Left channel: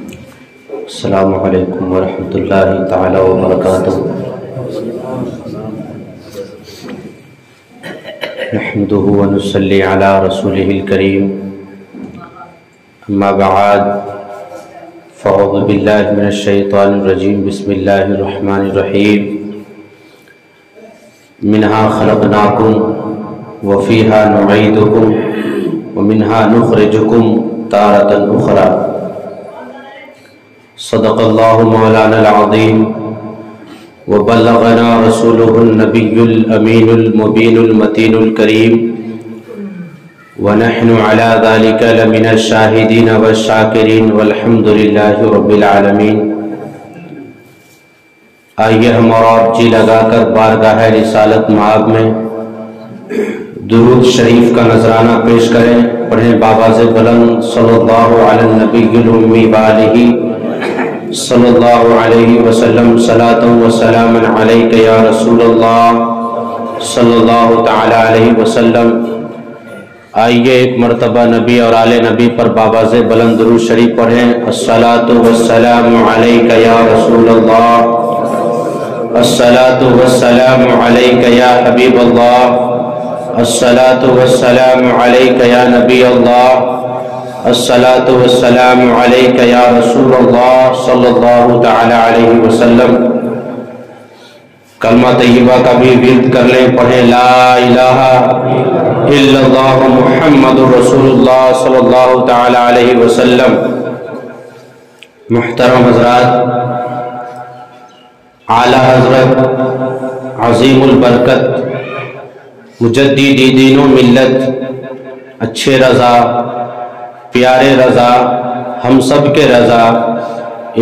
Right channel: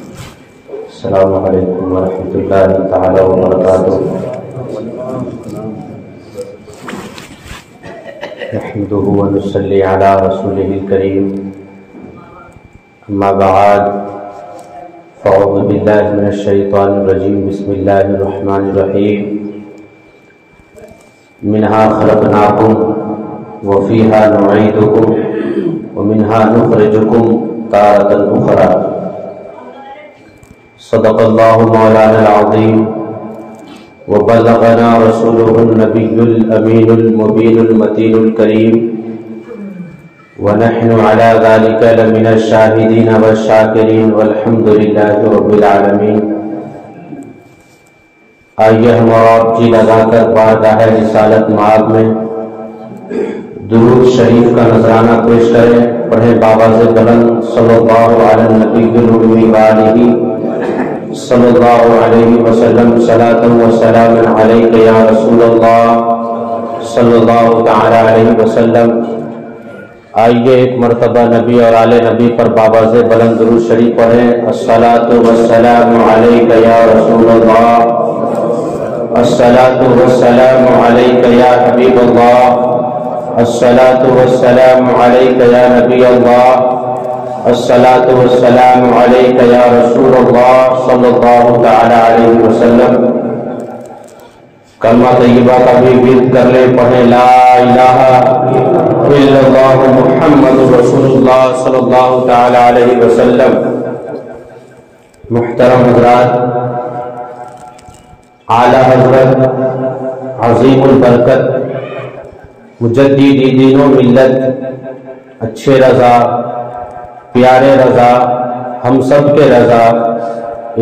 السلام علیکم ورحمۃ اللہ تعالی وبرکاتہ۔ نحمده ونصلی علی رسولہ الکریم، اما بعد فاعوذ باللہ من الشیطان الرجیم، بسم اللہ الرحمن الرحیم۔ منہا خلقناکم وفیہا نعیدکم ومنہا نخرجکم تارۃ اخری۔ صدق اللہ مولانا العظیم وبلغنا رسولہ النبی الامین المبین المتین الکریم، ونحن علی ذلک لمن الشاہدین والشاکرین والحمد للہ رب العالمین۔ آئیے ہم اور آپ جی لگا کر بارگاہ رسالت مآب میں درود شریف کا نذرانہ پیش کریں۔ پڑھیں بآواز بلند صلی اللہ علی النبی الامی وآلہ صلی اللہ علیہ وسلم، صلاۃ و سلام علیک یا رسول اللہ صلی اللہ تعالی علیہ وسلم۔ آئیے ایک مرتبہ نبی اور آل نبی پر بآواز بلند درود شریف پڑھیں۔ الصلاۃ والسلام علیک یا رسول اللہ، الصلاۃ والسلام علیک یا حبیب اللہ، الصلاۃ والسلام علیک یا نبی اللہ، الصلاۃ والسلام علیک یا رسول اللہ صلی اللہ تعالی علیہ وسلم۔ کلمہ طیبہ کا بھی ورد کر لیں، پڑھیں لا الہ الا اللہ محمد رسول اللہ صلی اللہ تعالی علیہ وسلم۔ محترم حضرات، اعلیٰ حضرت عظیم البرکت مجدد دین و ملت، اچھے رضا، پیارے رضا، ہم سب کے رضا،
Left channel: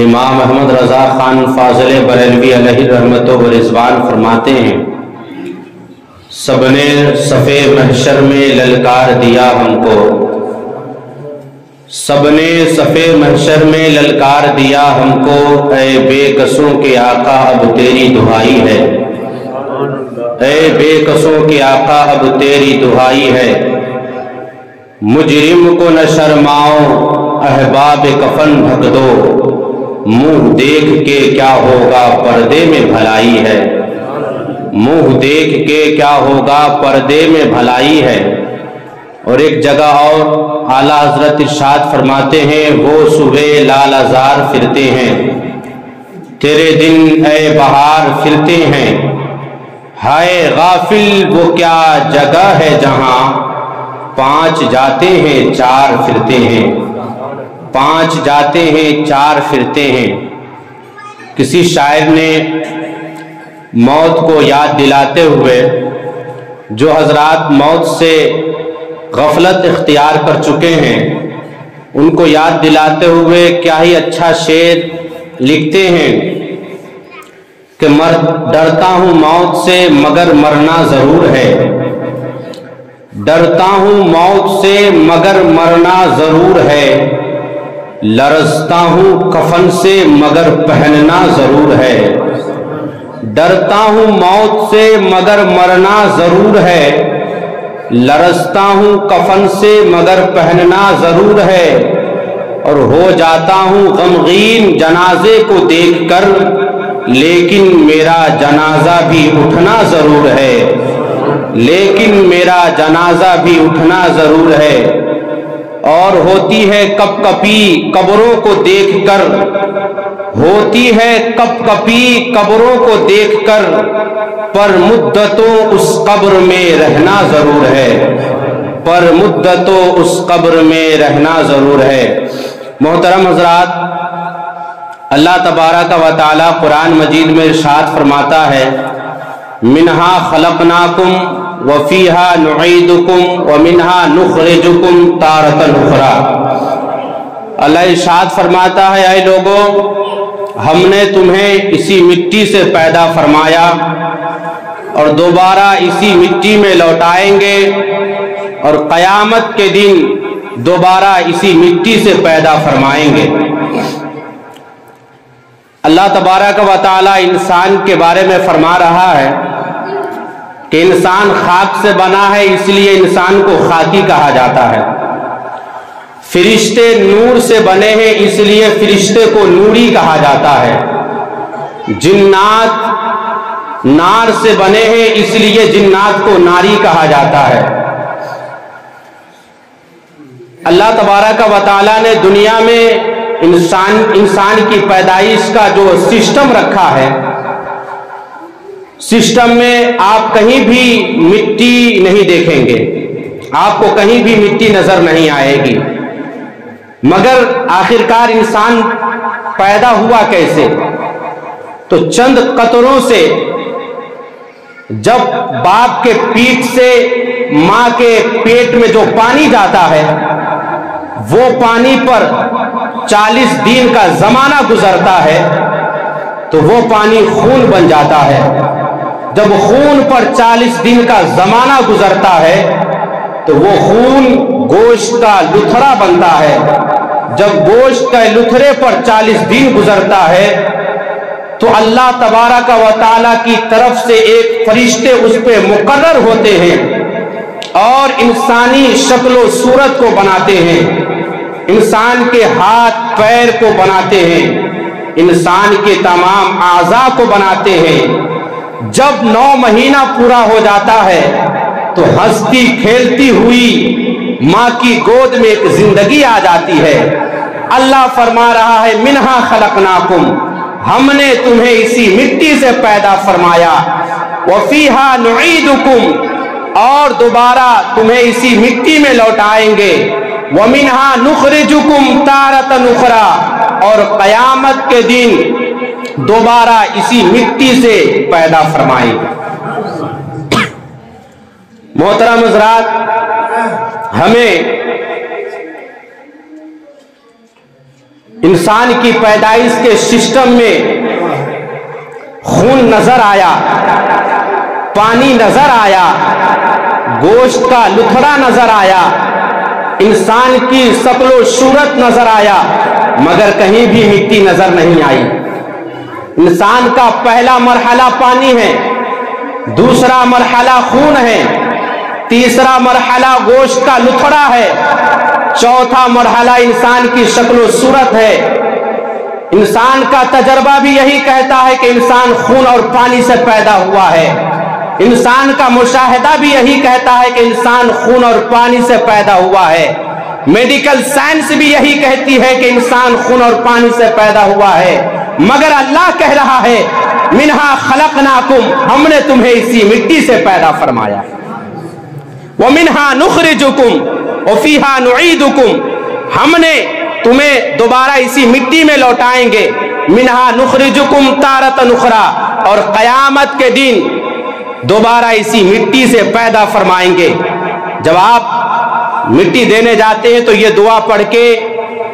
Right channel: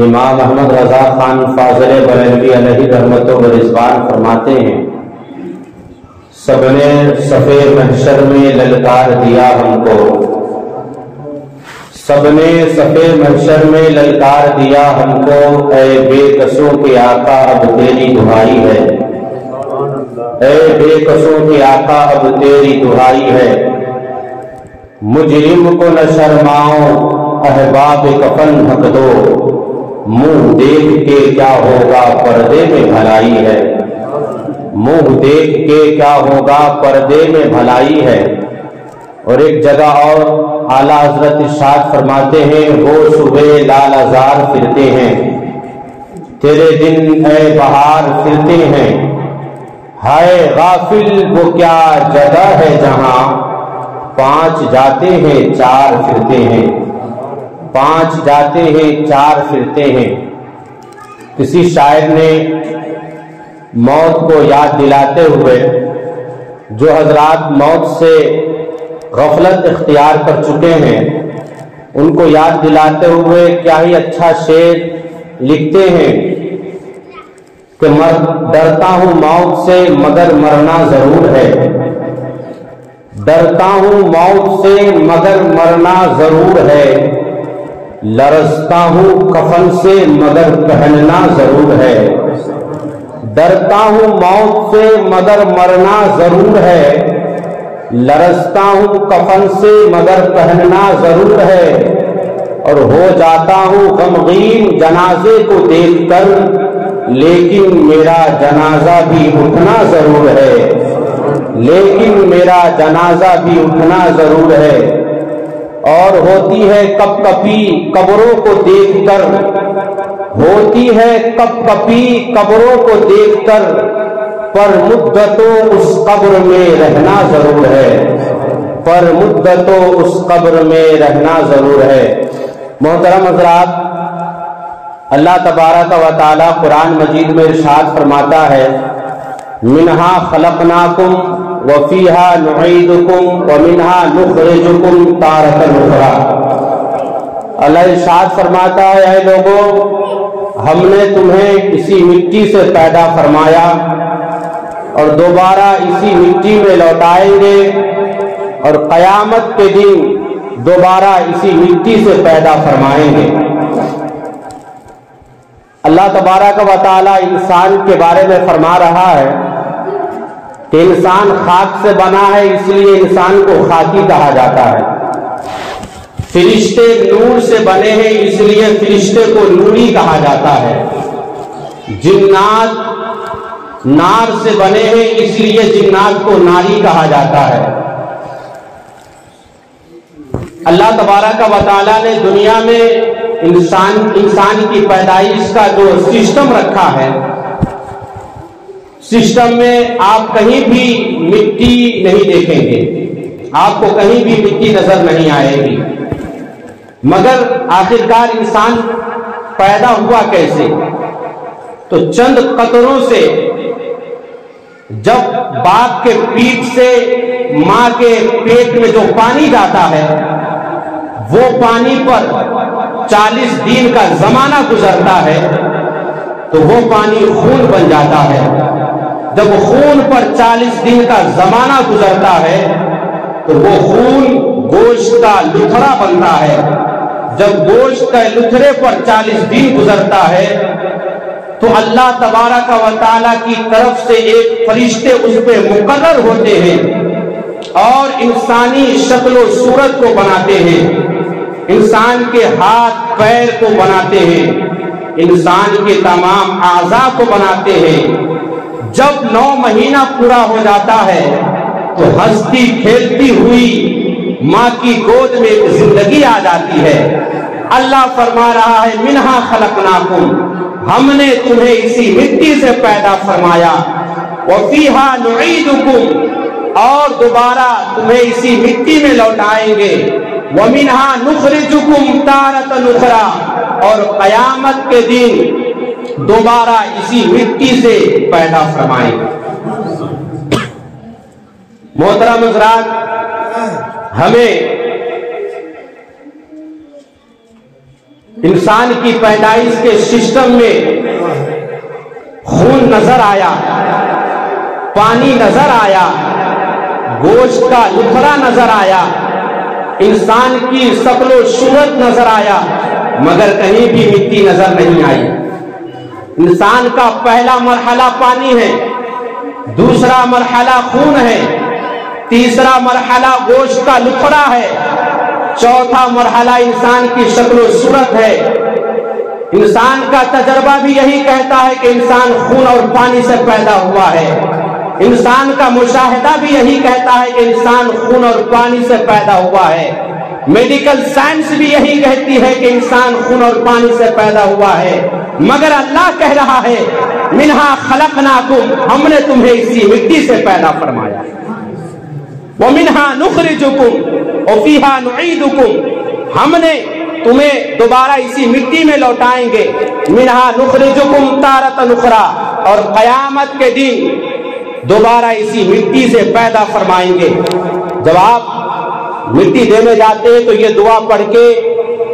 امام احمد رضا خان فاضل بریلوی علیہ رحمت و رضوان فرماتے ہیں، سب نے صفِ محشر میں للکار دیا ہم کو، سب نے صفِ محشر میں للکار دیا ہم کو، اے بے کسوں کے آقا اب تیری دہائی ہے، اے بے کسوں کے آقا اب تیری دہائی ہے۔ مجرم کو نہ شرماؤ احباب کفن ڈھک دو، منہ دیکھ کے کیا ہوگا پردے میں بھلائی ہے، منہ دیکھ کے کیا ہوگا پردے میں بھلائی ہے۔ اور ایک جگہ اور اعلیٰ حضرت ارشاد فرماتے ہیں، وہ صبح لال ازار پھرتے ہیں، تیرے دن اے بہار پھرتے ہیں، ہائے غافل وہ کیا جگہ ہے جہاں پانچ جاتے ہیں چار پھرتے ہیں، پانچ جاتے ہیں چار پھرتے ہیں۔ کسی شاعر نے موت کو یاد دلاتے ہوئے، جو حضرات موت سے غفلت اختیار کر چکے ہیں، ان کو یاد دلاتے ہوئے کیا ہی اچھا شعر لکھتے ہیں کہ ڈرتا ہوں موت سے مگر مرنا ضرور ہے، ڈرتا ہوں موت سے مگر مرنا ضرور ہے، لرزتا ہوں کفن سے مگر پہننا ضرور ہے، ڈرتا ہوں موت سے مگر مرنا ضرور ہے، لرزتا ہوں کفن سے مگر پہننا ضرور ہے، اور ہو جاتا ہوں غمگین جنازے کو دیکھ کر، لیکن میرا جنازہ بھی اٹھنا ضرور ہے، لیکن میرا جنازہ بھی اٹھنا ضرور ہے۔ اور ہوتی ہے کپ کپی قبروں کو دیکھ کر، ہوتی ہے کپ کپی قبروں کو دیکھ کر، پر مدتوں اس قبر میں رہنا ضرور ہے، پر مدتوں اس قبر میں رہنا ضرور ہے۔ محترم حضرات، اللہ تبارک و تعالی قرآن مجید میں ارشاد فرماتا ہے، منہا خلقناکم وفیہا نعیدکم ومنہا نخرجکم تارۃ اخری۔ اللہ ارشاد فرماتا ہے، اے لوگو، ہم نے تمہیں اسی مٹی سے پیدا فرمایا اور دوبارہ اسی مٹی میں لوٹائیں گے، اور قیامت کے دن دوبارہ اسی مٹی سے پیدا فرمائیں گے۔ اللہ تبارک و تعالی انسان کے بارے میں فرما رہا ہے کہ انسان خاک سے بنا ہے، اس لیے انسان کو خاکی کہا جاتا ہے۔ فرشتے نور سے بنے ہیں اس لیے فرشتے کو نوری کہا جاتا ہے. جنات نار سے بنے ہیں اس لیے جنات کو ناری کہا جاتا ہے. اللہ تبارک و تعالیٰ نے دنیا میں انسان کی پیدائش کا جو سسٹم رکھا ہے، سسٹم میں آپ کہیں بھی مٹی نہیں دیکھیں گے، آپ کو کہیں بھی مٹی نظر نہیں آئے گی. مگر آخرکار انسان پیدا ہوا کیسے؟ تو چند قطروں سے. جب باپ کے پیٹ سے ماں کے پیٹ میں جو پانی جاتا ہے، وہ پانی پر 40 دن کا زمانہ گزرتا ہے تو وہ پانی خون بن جاتا ہے. جب خون پر 40 دن کا زمانہ گزرتا ہے تو وہ خون گوشت کا لتھڑا بنتا ہے. جب گوشت کے لتھڑے پر 40 دن گزرتا ہے تو اللہ تبارک و تعالیٰ کی طرف سے ایک فرشتے اس پہ مقرر ہوتے ہیں اور انسانی شکل و صورت کو بناتے ہیں، انسان کے ہاتھ پیر کو بناتے ہیں، انسان کے تمام اعضاء کو بناتے ہیں. جب 9 مہینہ پورا ہو جاتا ہے تو ہنستی کھیلتی ہوئی ماں کی گود میں ایک زندگی آ جاتی ہے. اللہ فرما رہا ہے منہا خلقناکم، ہم نے تمہیں اسی مٹی سے پیدا فرمایا، وفیہا نعیدکم، اور دوبارہ تمہیں اسی مٹی میں لوٹائیں گے، ومنہا نخرجکم تارۃ اخری، اور قیامت کے دن دوبارہ اسی مٹی سے پیدا فرمائیں گے. محترم حضرات، ہمیں انسان کی پیدائش کے سسٹم میں خون نظر آیا، پانی نظر آیا، گوشت کا لتھڑا نظر آیا، انسان کی شکل و صورت نظر آیا، مگر کہیں بھی مٹی نظر نہیں آئی. انسان کا پہلا مرحلہ پانی ہے، دوسرا مرحلہ خون ہے، تیسرا مرحلہ گوشت کا لتھڑا ہے، چوتھا مرحلہ انسان کی شکل و صورت ہے. انسان کا تجربہ بھی یہی کہتا ہے کہ انسان خون اور پانی سے پیدا ہوا ہے. انسان کا مشاہدہ بھی یہی کہتا ہے کہ انسان خون اور پانی سے پیدا ہوا ہے. میڈیکل سائنس بھی یہی کہتی ہے کہ انسان خون اور پانی سے پیدا ہوا ہے. مگر اللہ کہہ رہا ہے منہا خلقناکم، ہم نے تمہیں اسی مٹی سے پیدا فرمایا، ومنہا نخرجکم وفیہا نعیدکم، ہم نے تمہیں دوبارہ اسی مٹی میں لوٹائیں گے، منہا نخرجکم تارۃ اخری، اور قیامت کے دن دوبارہ اسی مٹی سے پیدا فرمائیں گے. جب آپ مٹی دینے جاتے ہیں تو یہ دعا پڑھ کے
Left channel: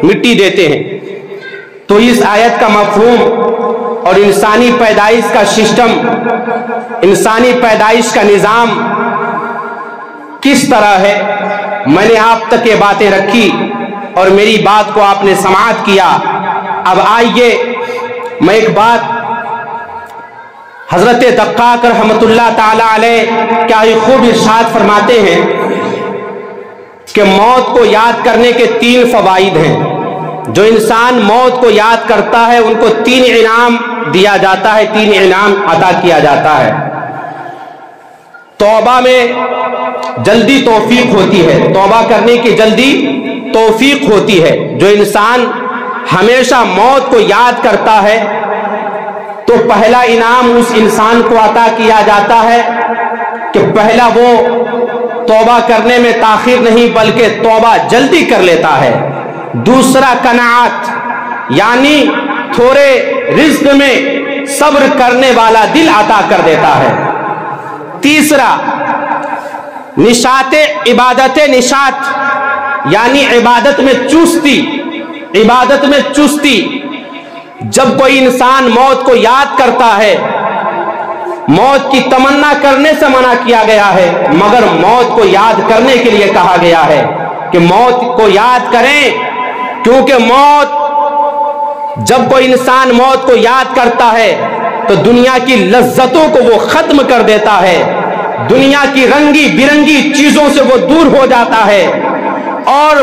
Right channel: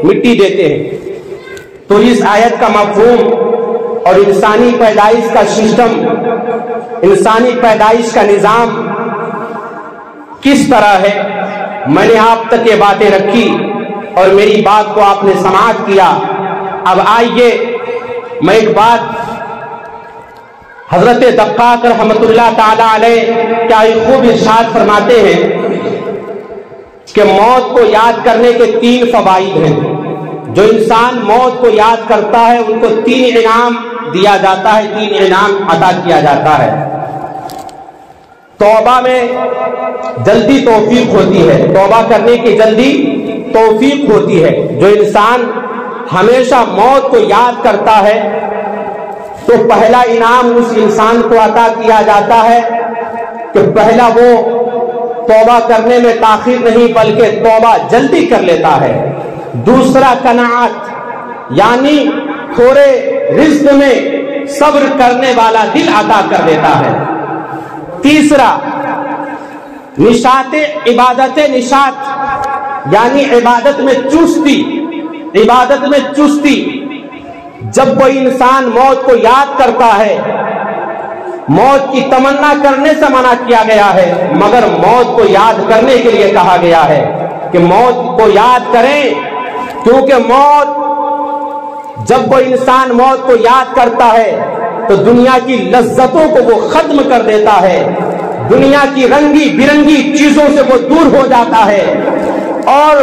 مٹی دیتے ہیں. تو اس آیت کا مفہوم اور انسانی پیدائش کا سسٹم، انسانی پیدائش کا نظام کس طرح ہے، میں نے آپ تک یہ باتیں رکھی اور میری بات کو آپ نے سماعت کیا. اب آئیے میں ایک بات، حضرت دقاق رحمت اللہ تعالی علیہ کیا ہی خوب ارشاد فرماتے ہیں کہ موت کو یاد کرنے کے 3 فوائد ہیں. جو انسان موت کو یاد کرتا ہے ان کو 3 انعام دیا جاتا ہے، 3 انعام عطا کیا جاتا ہے. توبہ میں جلدی توفیق ہوتی ہے، توبہ کرنے کی جلدی توفیق ہوتی ہے. جو انسان ہمیشہ موت کو یاد کرتا ہے تو پہلا انعام اس انسان کو عطا کیا جاتا ہے کہ پہلا وہ توبہ کرنے میں تاخیر نہیں بلکہ توبہ جلدی کر لیتا ہے. دوسرا قناعت، یعنی تھوڑے رزق میں صبر کرنے والا دل عطا کر دیتا ہے. تیسرا نشاط عبادت، نشاط یعنی عبادت میں چستی، عبادت میں چستی. جب کوئی انسان موت کو یاد کرتا ہے، موت کی تمنا کرنے سے منع کیا گیا ہے مگر موت کو یاد کرنے کے لیے کہا گیا ہے کہ موت کو یاد کریں، کیونکہ موت، جب کوئی انسان موت کو یاد کرتا ہے تو دنیا کی لذتوں کو وہ ختم کر دیتا ہے، دنیا کی رنگی برنگی چیزوں سے وہ دور ہو جاتا ہے اور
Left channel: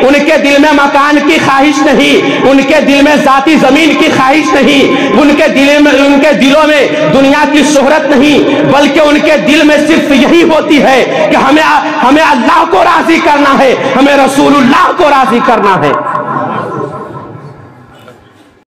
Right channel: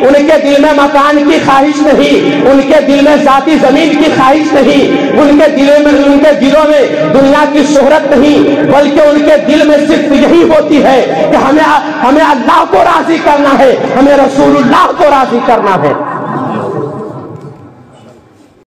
ان کے دل میں مکان کی خواہش نہیں، ان کے دل میں ذاتی زمین کی خواہش نہیں، ان کے دلوں میں دنیا کی شہرت نہیں، بلکہ ان کے دل میں صرف یہی ہوتی ہے کہ ہمیں اللہ کو راضی کرنا ہے، ہمیں رسول اللہ کو راضی کرنا ہے۔